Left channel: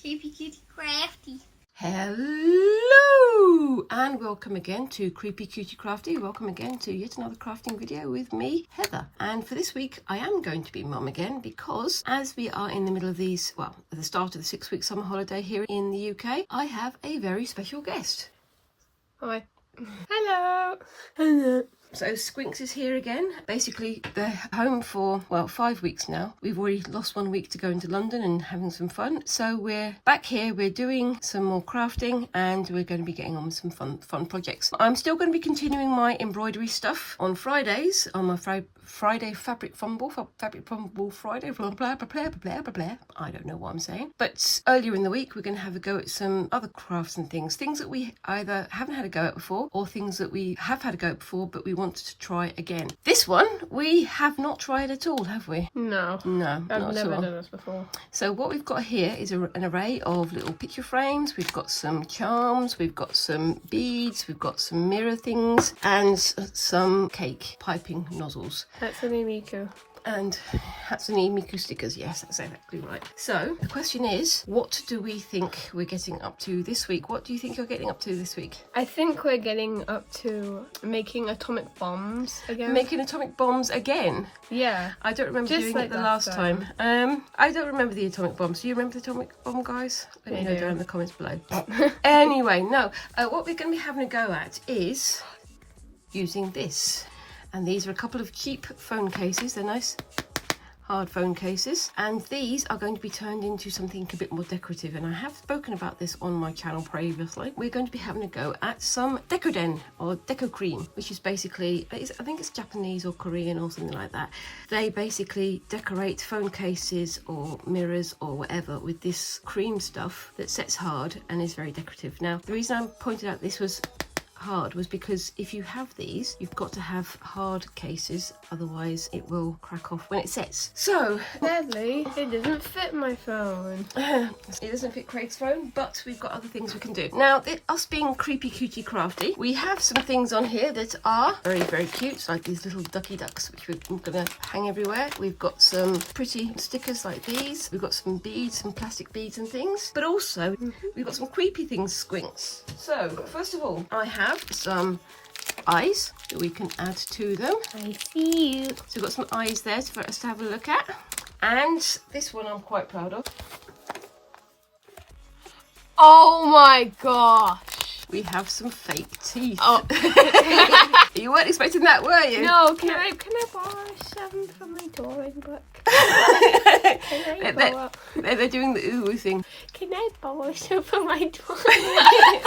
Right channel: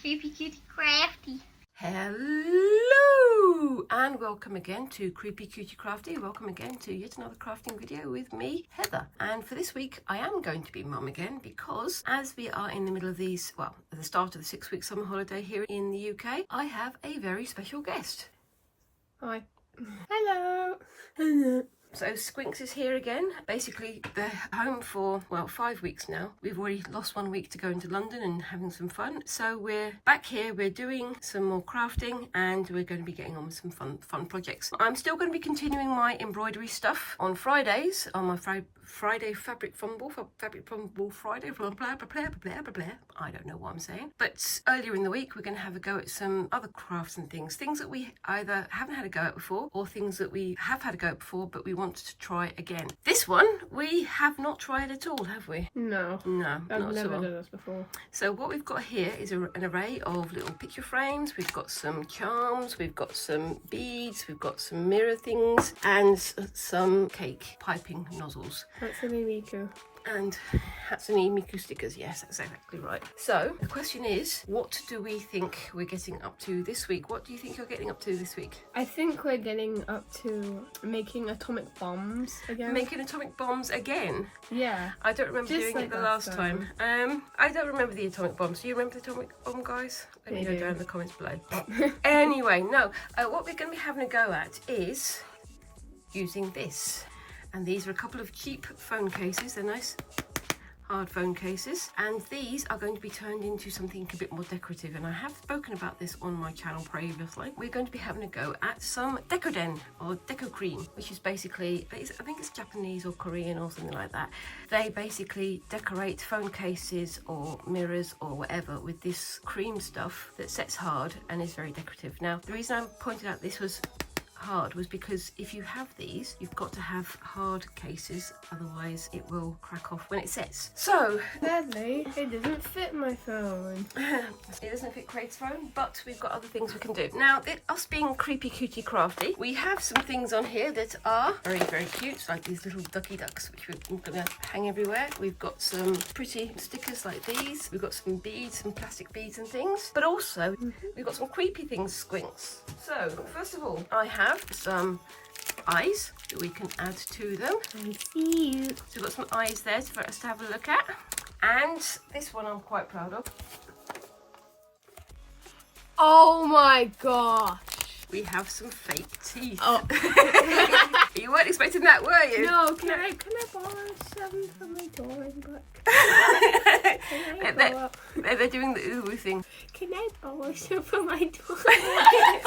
Creepy Cutie Crafty. Hello and welcome again to Creepy Cutie Crafty. Welcome again to yet another crafting video with me, Heather. And for this week I am going to be mum again because as we are in the middle of these, well, at the start of the 6-week summer holiday here in the UK, I have a very special guest. Hi. Hello. Hello. So Squinks is here again. Basically they're home for, well, 5 weeks now. We've already lost 1 week to go into London and having some fun. So we're back here, we're doing some more crafting and we're going to be getting on with some fun projects. I'm still going to be continuing my embroidery stuff on Fridays, on my Friday fabric fumble Friday, blah, blah, blah, blah, blah, blah, blah. I don't know what I'm saying. But earlier in the week, we're going to have a go at some other crafts and things that we either haven't had a go at before or things that we have had a go at before, but we want to try again. This one, we have not tried at all, have we? No. No, I've never done this before. So what we've got here is an array of little picture frames. We've got some charms, we've got some beads, we've got some mirror things, and some cake piping nozzles. Hatsune Miku. And Hatsune Miku stickers, yes, that's exactly right. So the question is, what do we think we're getting up to this week? What do you think you're getting up to this week? I think we're getting up to making atomic bombs again. Making atomic bombs again? Yeah. I don't remember doing it the last time. I don't remember the atomic bombs. Do you remember the atomic bomb, guys? Let me know down in the comments below. Anyway, no. What we're going to be having a go at is using this. And these are a couple of cheap phone cases. They're nice hard phone cases. And these are going to be turned into something a bit more decorative. And I have spoken about this on my channel previously. We're going to be having a go at some Decoden or Deco Cream, which is basically, I think it's Japanese or Korean or something like that. They basically decorate phone cases or mirrors or whatever with this cream stuff that sets hard and is very decorative. Now, the reason I pointed out this was hard was because if you have these, you've got to have hard cases, otherwise it will crack off when it sets. So Sadly, it doesn't fit my phone. it doesn't fit Craig's phone, but we've got other things we can do. Now, us being Creepy Cutie Crafty, we have some things on here that are very, very cute, like these little ducky ducks, which we're going to hang everywhere. We've got some pretty stickers like these. We've got some beads, some plastic beads and things, but also we've got some creepy things, Squinks. So first of all, I have some eyes that we can add to them. I see you. So we've got some eyes there for us to have a look at. And this one I'm quite proud of. Oh my gosh. We have some fake teeth. Oh. You weren't expecting that, were you? No, can I borrow some from my drawing book? They're doing the ooh thing. Can I borrow some from my drawing?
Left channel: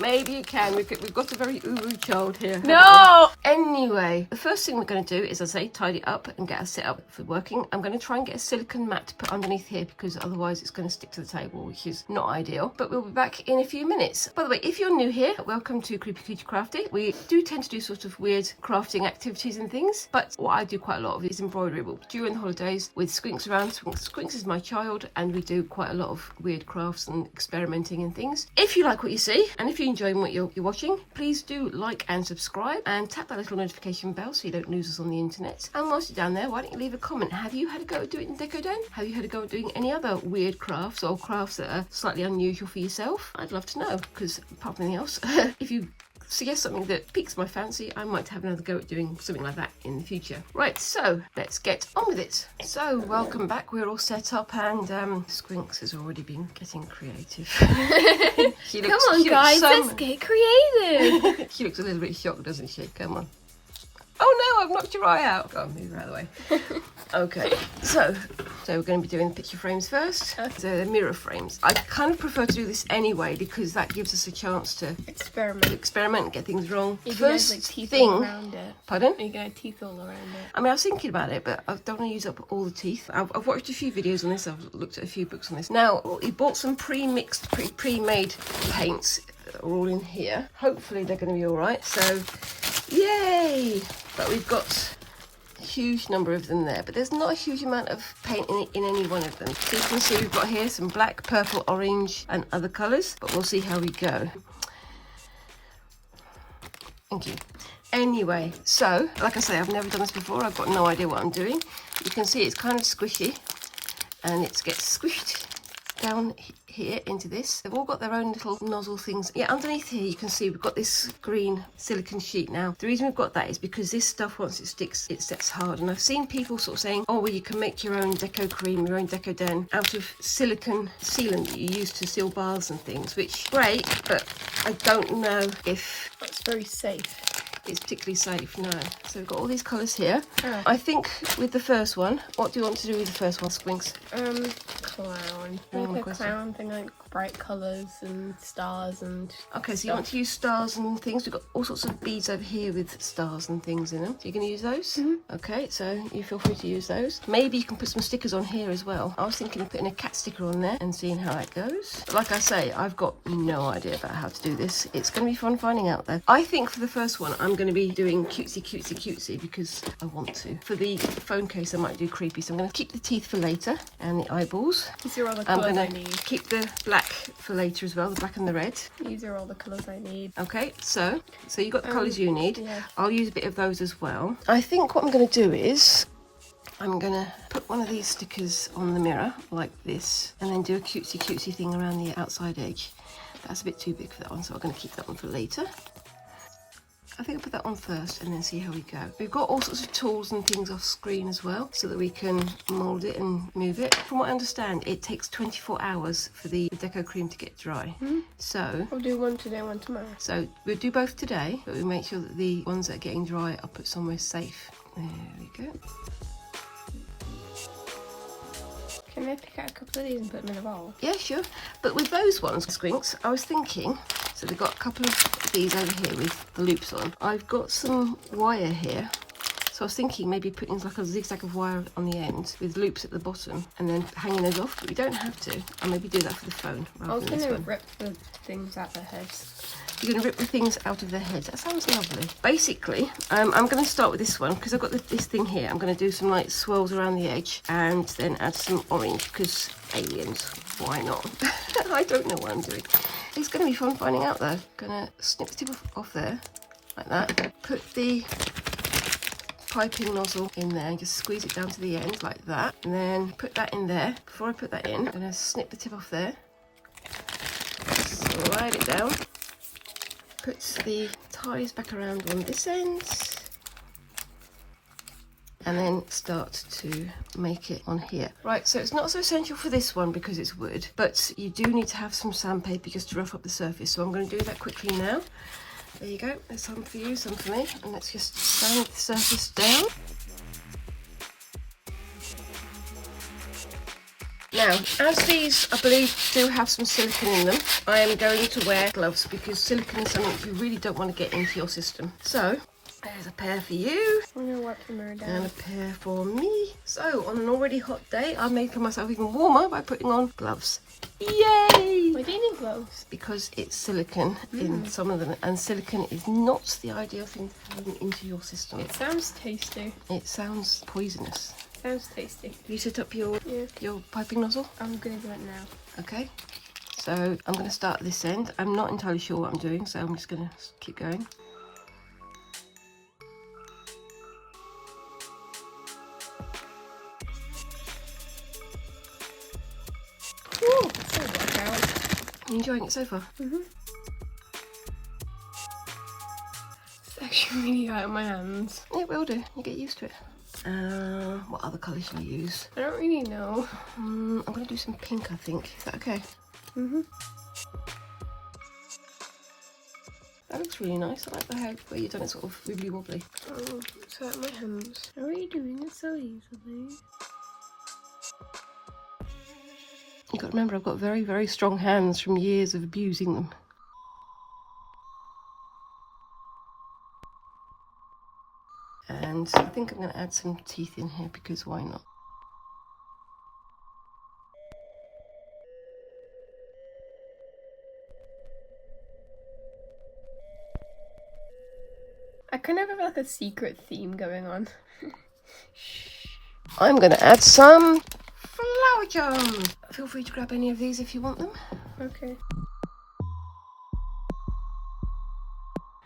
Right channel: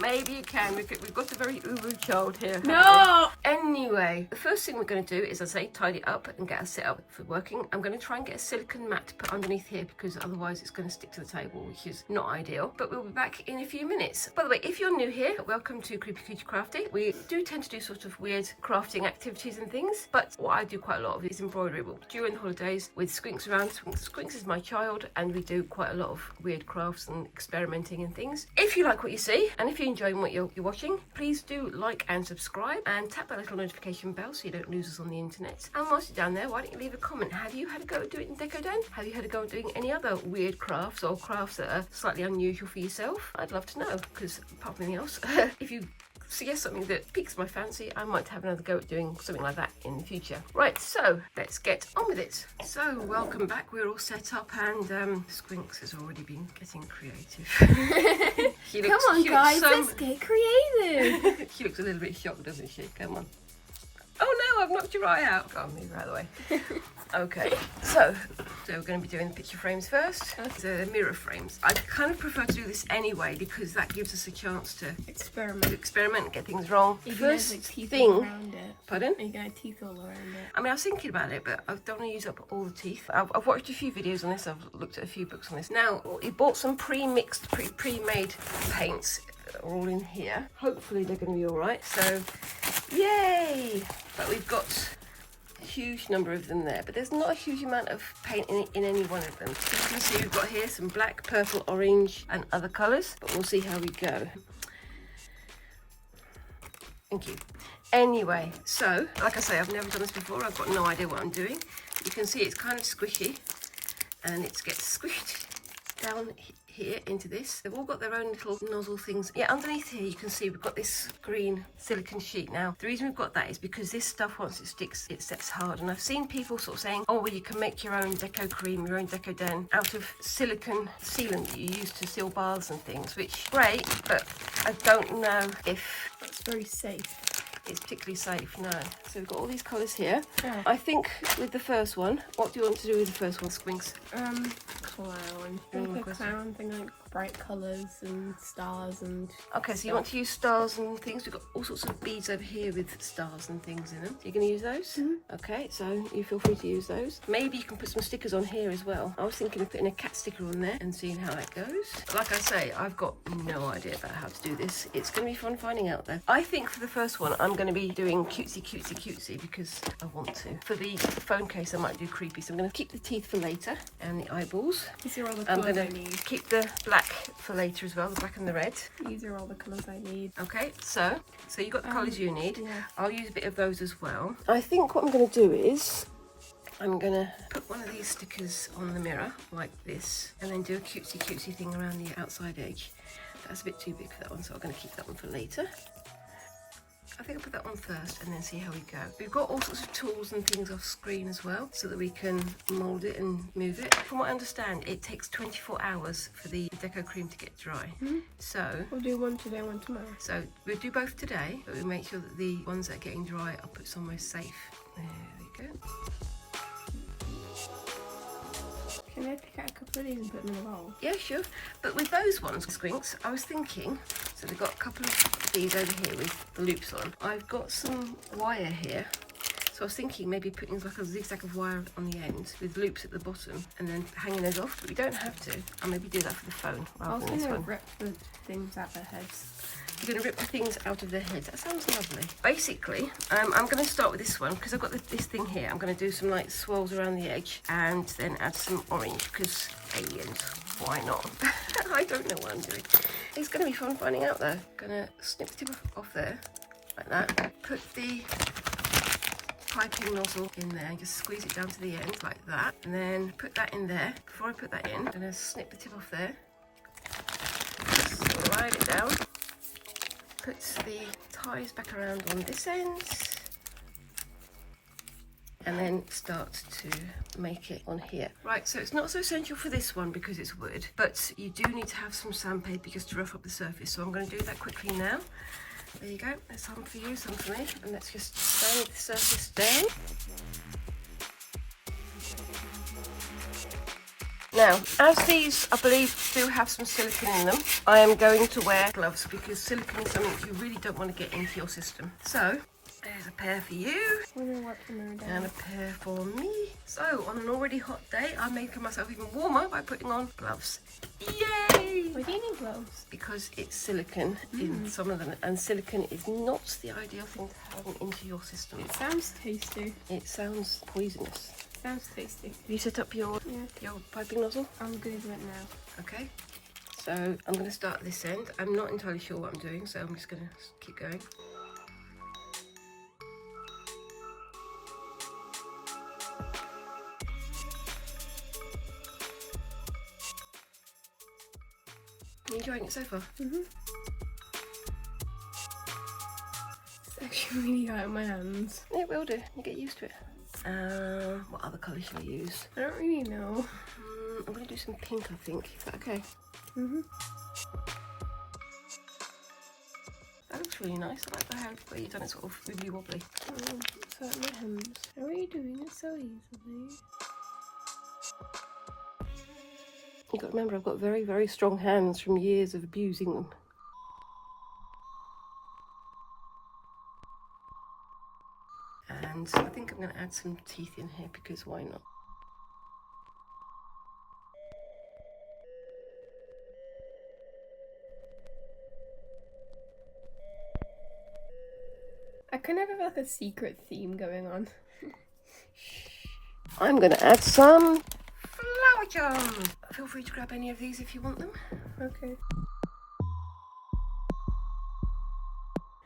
Maybe you can. We've got a very ooh child here. No! Anyway, the first thing we're going to do is, as I say, tidy up and get us set up for working. I'm going to try and get a silicone mat to put underneath here because otherwise it's going to stick to the table, which is not ideal. But we'll be back in a few minutes. By the way, if you're new here, welcome to Creepy Cutie Crafty. We do tend to do sort of weird crafting activities and things, but what I do quite a lot of is embroidery. Well, during the holidays with Squinks around, Squinks is my child, and we do quite a lot of weird crafts and experimenting and things. If you like what you see, and if you're enjoying what you're watching, please do like and subscribe and tap that little notification bell so you don't lose us on the internet. And whilst you're down there, why don't you leave a comment? Have you had a go at doing it in Decoden? Have you had a go at doing any other weird crafts or crafts that are slightly unusual for yourself? I'd love to know, because apart from anything else, if you suggest something that piques my fancy, I might have another go at doing something like that in the future. Right, so let's get on with it. So welcome back, we're all set up, and Squinks has already been getting creative. Come on guys, let's get creative. She looks a little bit shocked, doesn't she? Come on. Oh no, I've knocked your eye out. Go on, move her out of the way. Okay, so we're going to be doing the picture frames first. The mirror frames. I kind of prefer to do this anyway because that gives us a chance to experiment and get things wrong. You can have like teeth all around it. Pardon? You can have teeth all around it. I mean, I was thinking about it, but I don't want to use up all the teeth. I've watched a few videos on this. I've looked at a few books on this. Now, we bought some pre-mixed, pre-made paints. Are all in here. Hopefully they're going to be all right. So, yay! But we've got a huge number of them there, but there's not a huge amount of paint in any one of them. So you can see we've got here some black, purple, orange and other colours, but we'll see how we go. Thank you. Anyway, so like I say, I've never done this before. I've got no idea what I'm doing. You can see it's kind of squishy and it gets squished down here into this. They've all got their own little nozzle things. Yeah, underneath here you can see we've got this green silicone sheet. Now, the reason we've got that is because this stuff, once it sticks, it sets hard. And I've seen people sort of saying, oh, well, you can make your own Deco Cream, your own Decoden out of silicone sealant that you use to seal baths and things, which, great, but I don't know if That's very safe. it's particularly safe, no. So we've got all these colours here. Yeah. I think with the first one, what do you want to do with the first one, Squinks? Clown. Name Like a question. clown thing, like bright colours and stars and... Okay, so you want to use stars and things. We've got all sorts of beads over here with stars and things in them. So you're going to use those? Okay, so you feel free to use those. Maybe you can put some stickers on here as well. I was thinking of putting a cat sticker on there and seeing how that goes. But like I say, I've got no idea about how to do this. It's going to be fun finding out though. I think for the first one, I'm going to be doing cutesy because I want to. For the phone case, I might do creepy. So I'm going to keep the teeth for later and the eyeballs. These are all the I'm colours going I to need. keep the black for later as well, the black and the red. These are all the colours I need. Okay, so you got the colours you need. Yeah. I'll use a bit of those as well. I think what I'm going to do is I'm going to put one of these stickers on the mirror like this and then do a cutesy thing around the outside edge. That's a bit too big for that one, so I'm going to keep that one for later. I think I'll put that on first and then see how we go. We've got all sorts of tools and things off screen as well so that we can mould it and move it. From what I understand, it takes 24 hours for the Deco Cream to get dry. So I'll do one today, one tomorrow. we'll do both today, but we'll make sure that the ones that are getting dry are put somewhere safe. There we go. Can I pick out a couple of these and put them in a bowl? Yeah, sure. But with those ones, Squinks, I was thinking, so they've got a couple of these over here with the loops on. I've got some wire here. So I was thinking maybe putting like a zigzag of wire on the end with loops at the bottom and then hanging those off, but we don't have to. I'll maybe do that for the phone I rather was than this going to one. rip the things out their heads. You're going to rip the things out of their heads. That sounds lovely. Basically, I'm going to start with this one because I've got this thing here. I'm going to do some like swirls around the edge and then add some orange because aliens, why not? I don't know what I'm doing. It's going to be fun finding out though. Going to snip the tip off there like that. Put the piping nozzle in there and just squeeze it down to the end like that. And then put that in there. Before I put that in, I'm going to snip the tip off there. Slide it down. Put the ties back around on this end and then start to make it on here. Right, so it's not so essential for this one because it's wood, but you do need to have some sandpaper just to rough up the surface. So I'm going to do that quickly now. There you go, there's some for you, some for me, and let's just sand the surface down. Now, as these, I believe, do have some silicone in them, I am going to wear gloves because silicone is something you really don't want to get into your system. So, there's a pair for you, I'm going to wipe the mirror down. and a pair for me. So, on an already hot day, I made for myself even warmer by putting on gloves. Yay! Why do you need gloves? Because it's silicone in some of them, and silicone is not the ideal thing to have into your system. It sounds tasty. It sounds poisonous. Sounds tasty. You set up your Yeah. piping nozzle? I'm going to do it now. Okay, so I'm going to start at this end. I'm not entirely sure what I'm doing, so I'm just going to keep going. Ooh, that's a workout. You enjoying it so far? It's actually really hot in my hands. It will do. You get used to it. What other colour should I use? I don't really know. I'm going to do some pink, I think. Is that okay? That looks really nice. I like the how where you've done it sort of wibbly wobbly. Oh, it's hurt my hands. How are you doing it so easily? You've got to remember I've got very, very strong hands from years of abusing them. And I think I'm going to add some teeth in here because why not? I kind of have like a secret theme going on. I'm going to add some flower charm. Feel free to grab any of these if you want them. Okay.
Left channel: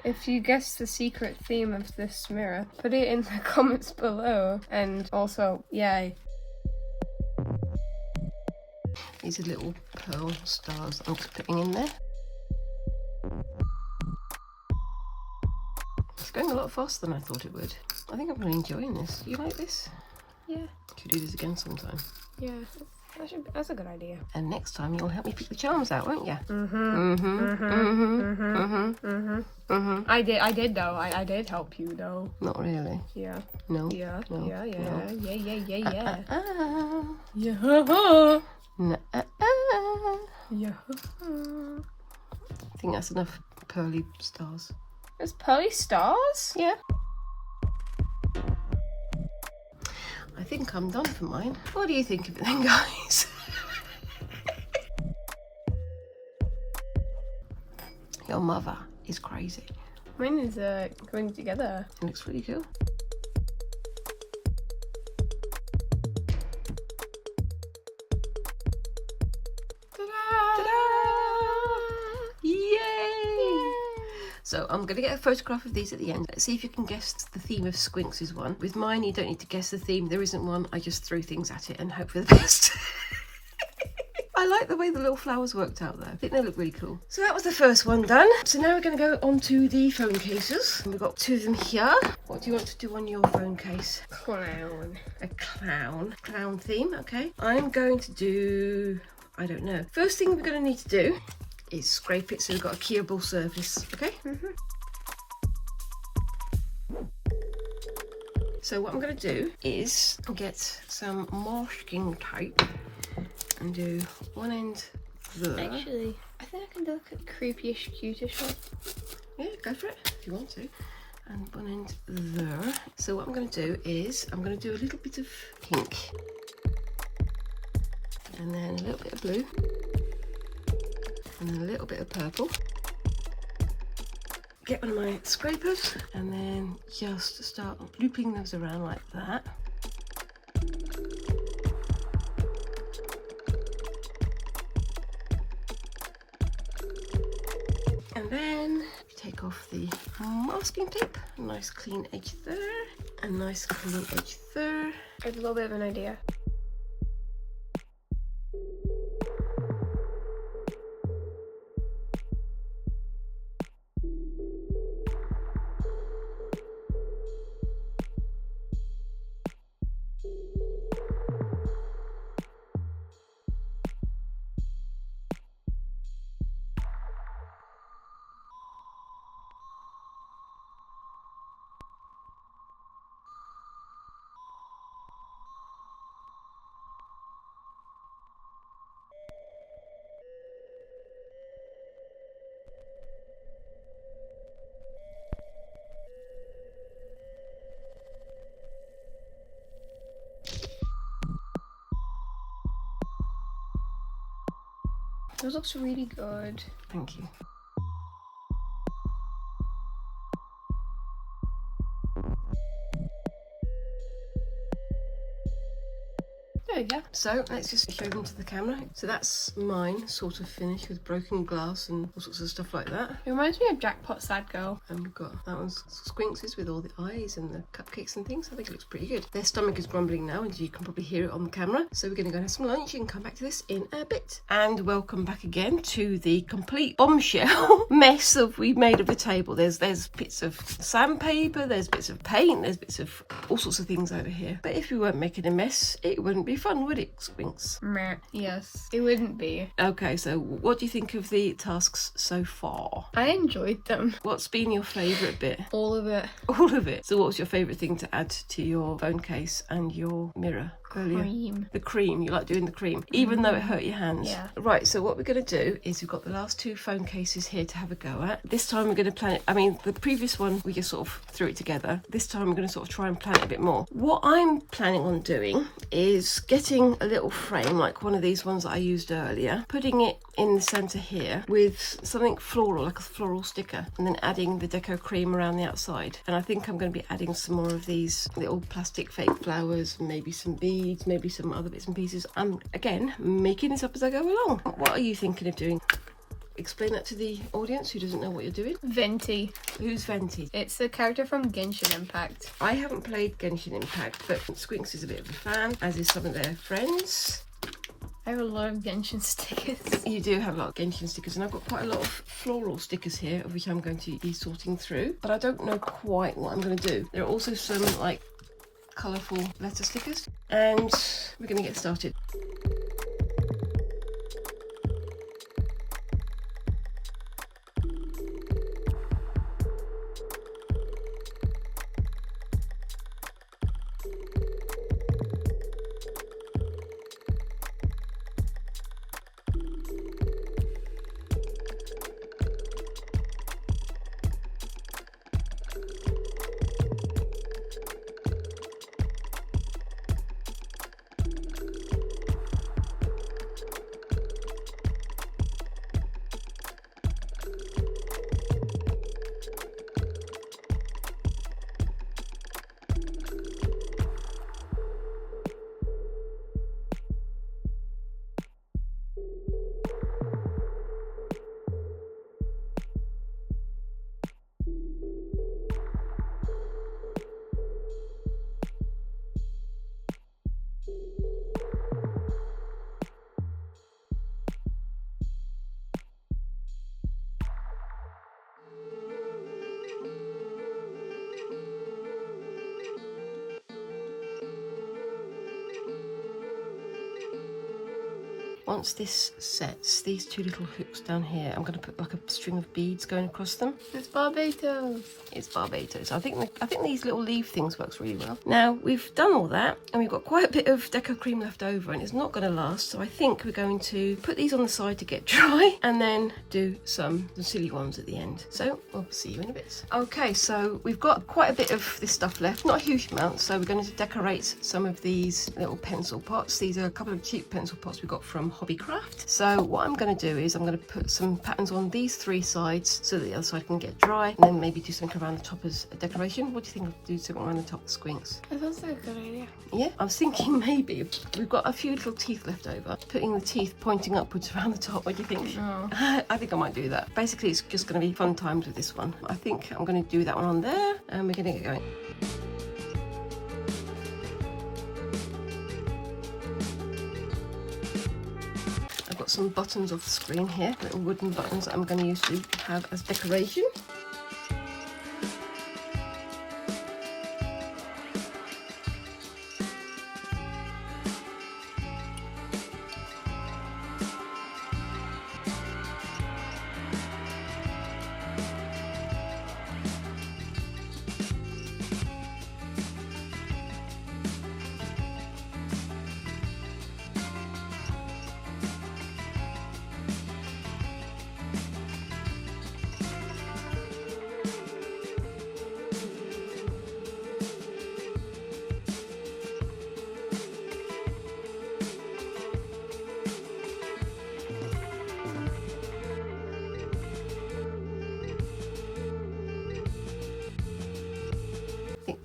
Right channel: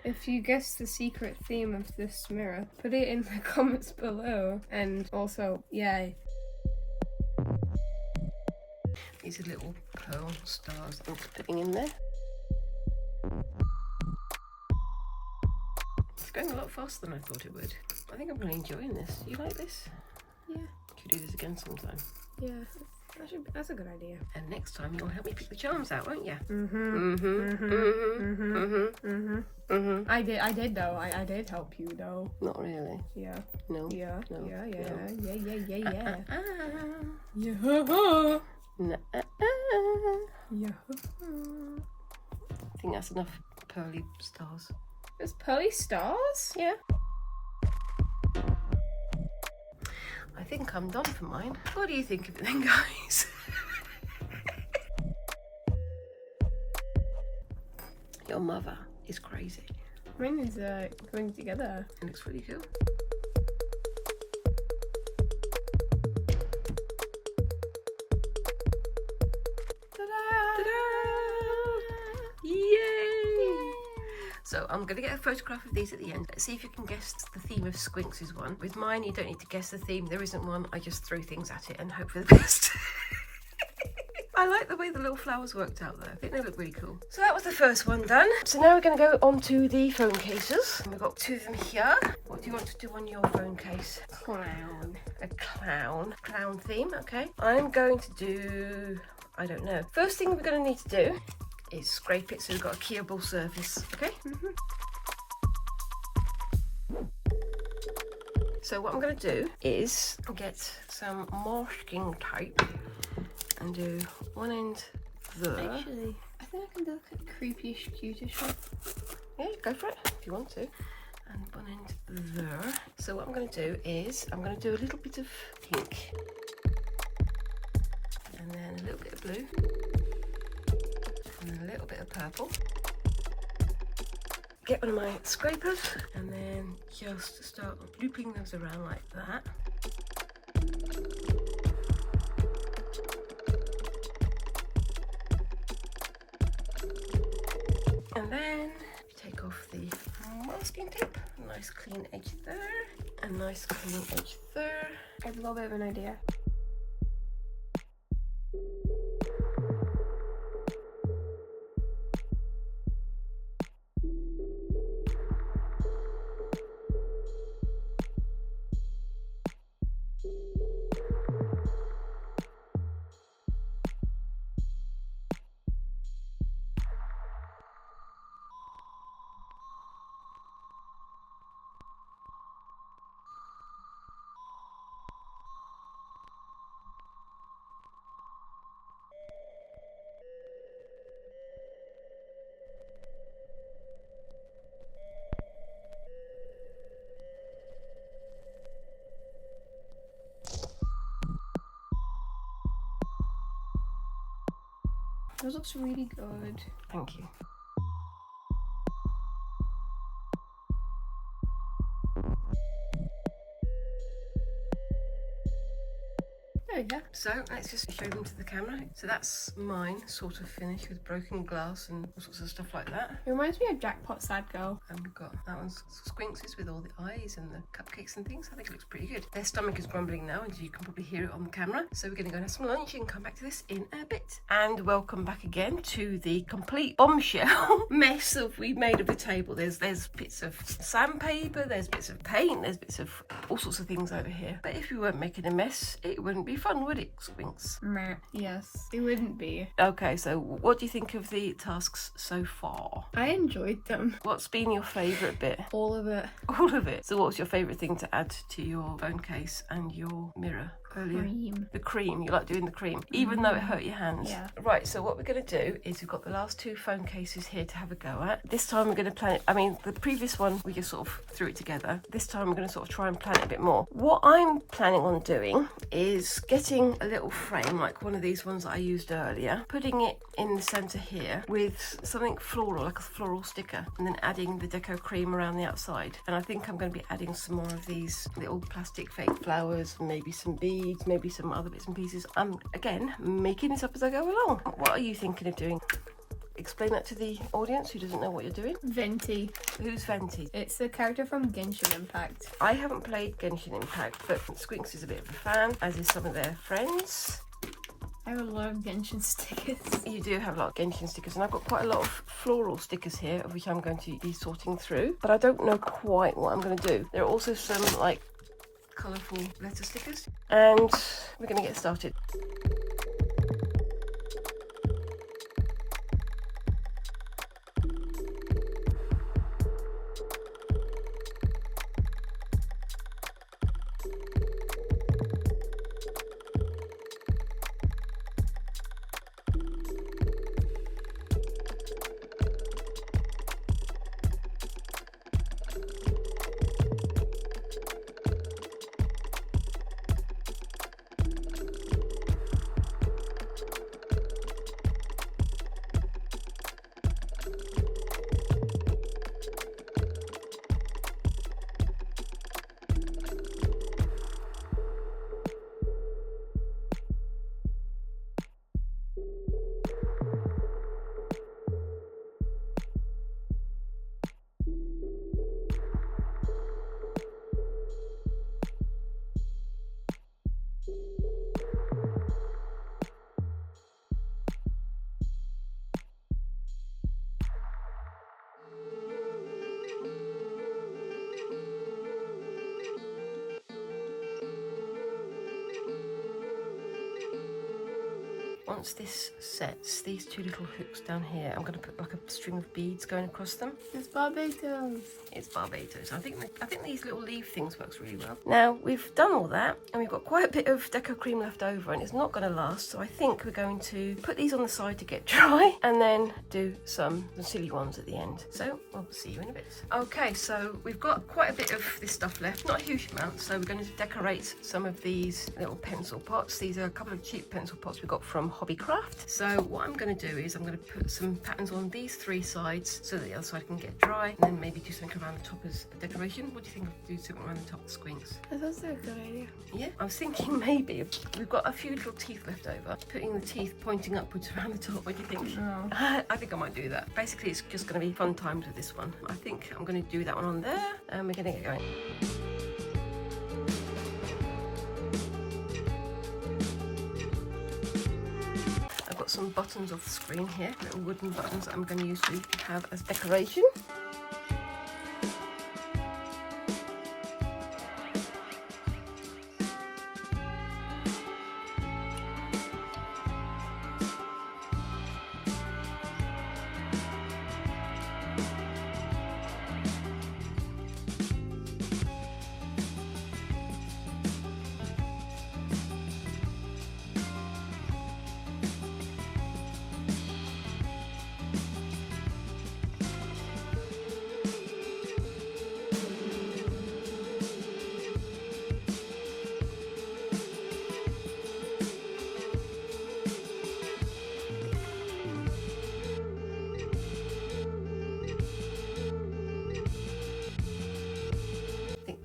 If you guess the secret theme of this mirror, put it in the comments below. And also, yay. These These are little pearl stars I'm just putting in there. It's going a lot faster than I thought it would. I think I'm really enjoying this. You like this? Yeah. Should do this again sometime. Yeah, that's a good idea. And next time you'll help me pick the charms out, won't you? I did though. I did help you though. Not really. Yeah. No. Yeah. No. Yeah. Yeah. No. Yeah. Yeah. Yeah. Yeah. Yeah. No. Yeah. I think that's enough pearly stars. There's pearly stars? Yeah. I think I'm done for mine. What do you think of it then, guys? Your mother is crazy. Mine is going together. It looks really cool. So I'm going to get a photograph of these at the end. Let's see if you can guess the theme of Squinks is one. With mine, you don't need to guess the theme. There isn't one. I just throw things at it and hope for the best. I like the way the little flowers worked out there. I think they look really cool. So that was the first one done. So now we're going to go on to the phone cases. And we've got two of them here. What do you want to do on your phone case? Clown. A clown. Clown theme, okay. I'm going to do, I don't know. First thing we're going to need to do is scrape it so we've got a keyable surface, okay? So what I'm going to do is get some masking tape and do one end there. Actually, I think I can do like a creepy-ish, cutish one. Yeah, go for it if you want to. And one end there. So what I'm going to do is I'm going to do a little bit of pink and then a little bit of blue. And a little bit of purple. Get one of my scrapers and then just start looping those around like that. And then take off the masking tape. Nice clean edge there. And nice clean edge there. I have a little bit of an idea. Those looks really good. Thank you. There you go. So let's just show them to the camera. So that's mine, sort of finished with broken glass and all sorts of stuff like that. It reminds me of Jackpot Sad Girl. And we've got that one's Squinks with all the eyes and the cupcakes and things. I think it looks pretty good. Their stomach is grumbling now and you can probably hear it on the camera. So we're going to go and have some lunch and come back to this in a bit. And welcome back again to the complete bombshell mess that we made of the table. There's bits of sandpaper, there's bits of paint, there's bits of all sorts of things over here. But if we weren't making a mess, it wouldn't be fun, would it, Squinks? Meh. Yes, it wouldn't be. Okay, so what do you think of the tasks so far? I enjoyed them. What's been your favourite bit? All of it. All of it. So what was your favourite thing to add to your phone case and your mirror earlier? Cream. The cream. You like doing the cream, even though it hurt your hands. Yeah. Right, so what we're going to do is we've got the last two phone cases here to have a go at. This time we're going to plan it. I mean, the previous one, we just sort of threw it together. This time we're going to sort of try and plan it a bit more. What I'm planning on doing is getting a little frame, like one of these ones that I used earlier, putting it in the centre here with something floral, like a floral sticker, and then adding the Deco Cream around the outside. And I think I'm going to be adding some more of these little plastic fake flowers, maybe some beads, maybe some other bits and pieces. I'm, again, making this up as I go along. What are you thinking of doing? Explain that to the audience who doesn't know what you're doing. Venti. Who's Venti? It's the character from Genshin Impact. I haven't played Genshin Impact, but Squinks is a bit of a fan, as is some of their friends. I have a lot of Genshin stickers. You do have a lot of Genshin stickers, and I've got quite a lot of floral stickers here, of which I'm going to be sorting through, but I don't know quite what I'm going to do. There are also some like colourful letter stickers, and we're going to get started. Once this sets, these two little hooks down here, I'm going to put like a string of beads going across them. It's Barbados. It's Barbados. I think these little leaf things works really well. Now we've done all that, and we've got quite a bit of Deco Cream left over, and it's not going to last. So I think we're going to put these on the side to get dry, and then do some silly ones at the end. So we'll see you in a bit. Okay, so we've got quite a bit of this stuff left, not a huge amount. So we're going to decorate some of these little pencil pots. These are a couple of cheap pencil pots we got from Hobbycraft. So what I'm going to do is I'm going to put some patterns on these three sides so that the other side can get dry, and then maybe do something around the top as a decoration. What do you think of do something around the top of the Squinks? That sounds like a good idea. Yeah, I was thinking maybe we've got a few little teeth left over, putting the teeth pointing upwards around the top. What do you think? I think I might do that. Basically, it's just going to be fun times with this one. I think I'm going to do that one on there, and we're going to get going. Some buttons off the screen here, little wooden buttons that I'm going to use to have as decoration.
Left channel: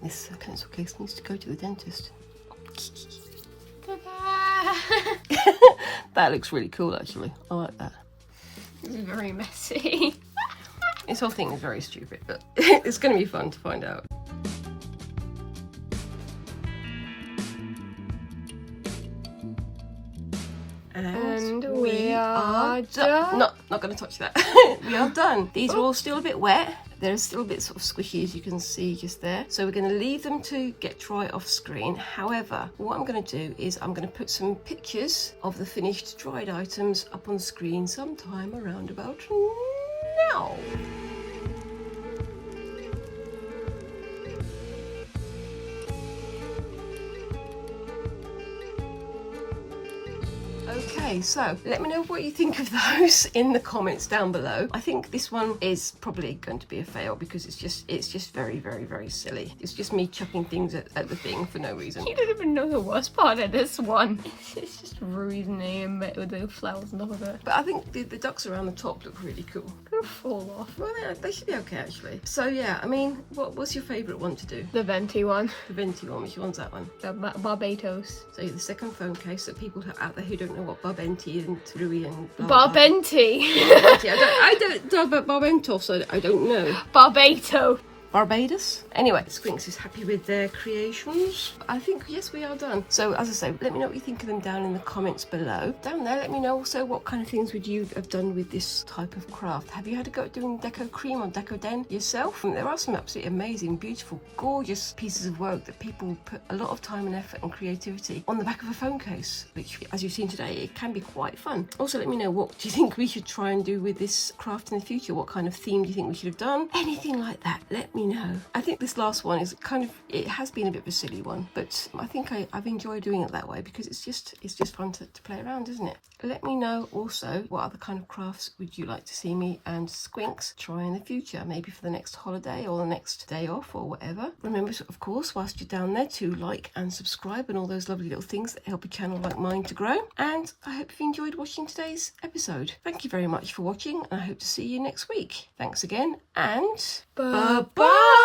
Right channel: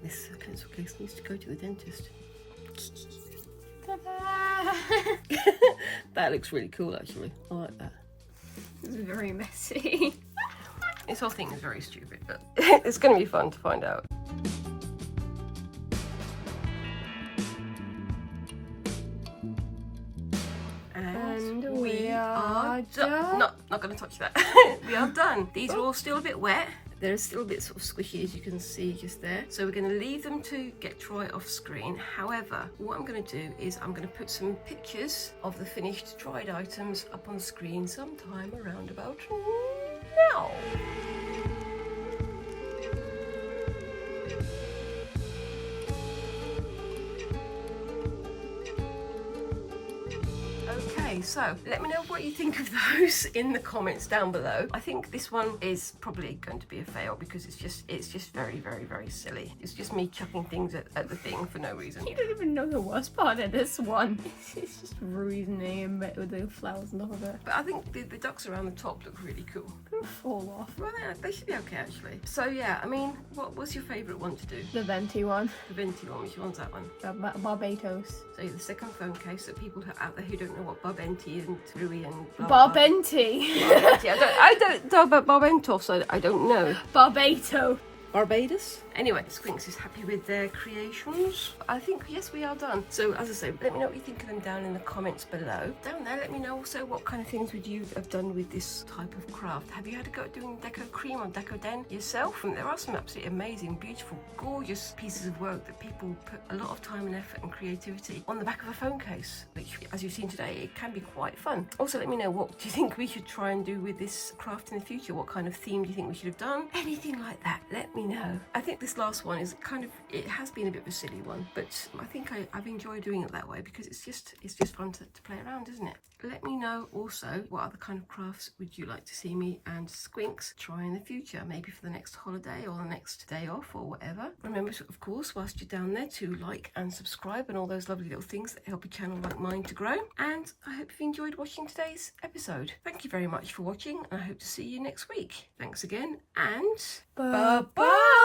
This pencil case needs to go to the dentist. That looks really cool, actually. I like that. It's very messy. This whole thing is very stupid, but it's going to be fun to find out. And we are done. Not going to touch that. We are done. These are all still a bit wet. They're still a bit sort of squishy, as you can see just there. So we're going to leave them to get dry off screen. However, what I'm going to do is I'm going to put some pictures of the finished dried items up on screen sometime around about now. Okay, so let me know what you think of those in the comments down below. I think this one is probably going to be a fail because it's just very, very, very silly. It's just me chucking things at the thing for no reason. You don't even know the worst part of this one. It's just Rui's name with the flowers and all of it. But I think the ducks around the top look really cool. They'll fall off. Well, they should be okay, actually. So yeah, I mean, what's your favourite one to do? The venti one. The venti one. Which one's that one? The Barbados. So the second phone case, so people out there who don't know what Barbenti and Rui and blah, Barbenti. Barbenti. I don't know about Barbentos, so I don't know. Barbato. Barbados. Anyway, Squinks is happy with their creations. I think, yes, we are done. So as I say, let me know what you think of them down in the comments below. Down there, let me know also what kind of things would you have done with this type of craft. Have you had a go at doing Deco Cream or Decoden yourself? There are some absolutely amazing, beautiful, gorgeous pieces of work that people put a lot of time and effort and creativity on the back of a phone case, which, as you've seen today, it can be quite fun. Also, let me know, what do you think we should try and do with this craft in the future? What kind of theme do you think we should have done? Anything like that, let me know. I think this last one is kind of, it has been a bit of a silly one, but I think I've enjoyed doing it that way because it's just fun to play around, isn't it? Let me know also what other kind of crafts would you like to see me and Squinks try in the future, maybe for the next holiday or the next day off or whatever. Remember, of course, whilst you're down there, to like and subscribe and all those lovely little things that help a channel like mine to grow. And I hope you enjoyed watching today's episode. Thank you very much for watching, and I hope to see you next week. Thanks again, and bye-bye!